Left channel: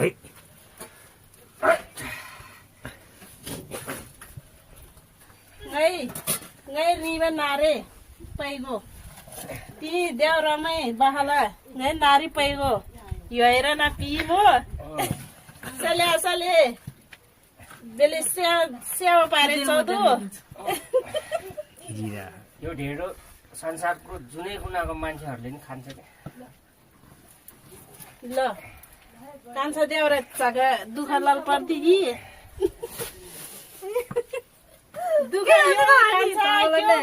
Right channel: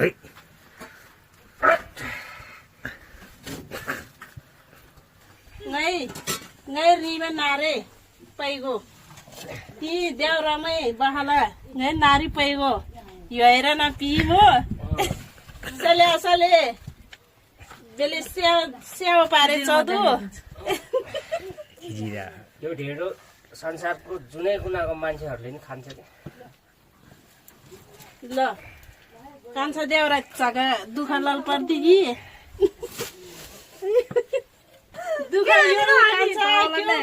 Hey. Ngay ribe nare paigo. Ti deauramai bahala ngai nari paigo. Yo era na pimo. Sale. Bele se pare chodu. Kira. यो ढेँडो संसारको जुनै कुनाको मान्छेहरूले नि खान्छ के ल कान्छ देउरा छका दुख लल पर्दी कि दुख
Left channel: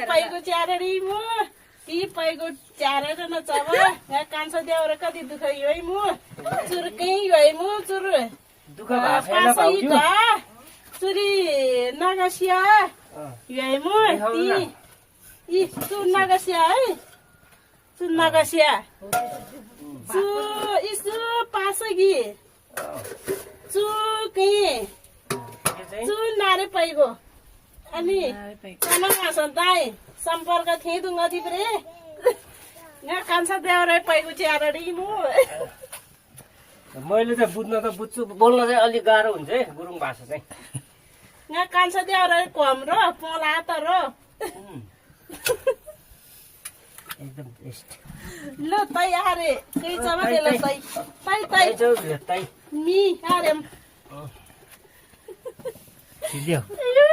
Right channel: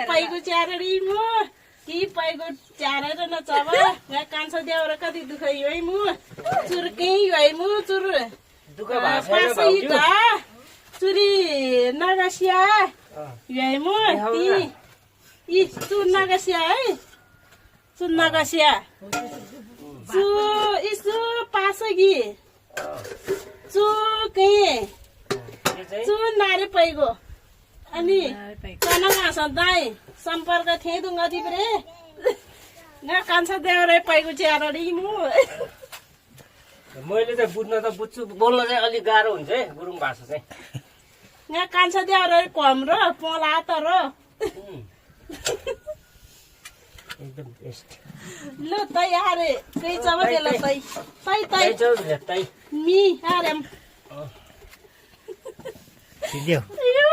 पाइको च्यारडी म ती पाइको च्यारेर नचब कान्छ देउरा कति दुख है म चुरकै है म चुर दुःख भएको चुरी नगसिया है म ती इ चुर नगसिया है चुर नगसिया चु इसु पासगी चु के चु नारे पैगो अनि कनगा सदाई सम्पर्क थिए दुंगती परे न कान्छ देउरे पैगो च्यारडी मु मैले चाहिँ बुझ्न त बुझ्छु बोल्न चाहिँ अलिक गाह्रो हुन्छ है गुरुङ भाषा चाहिँ न कान्छ देउरे कम र पोला त र एकदम बेस्ट ल तै आरे कै चब देला तै तै मी आरेम Video. Ayo.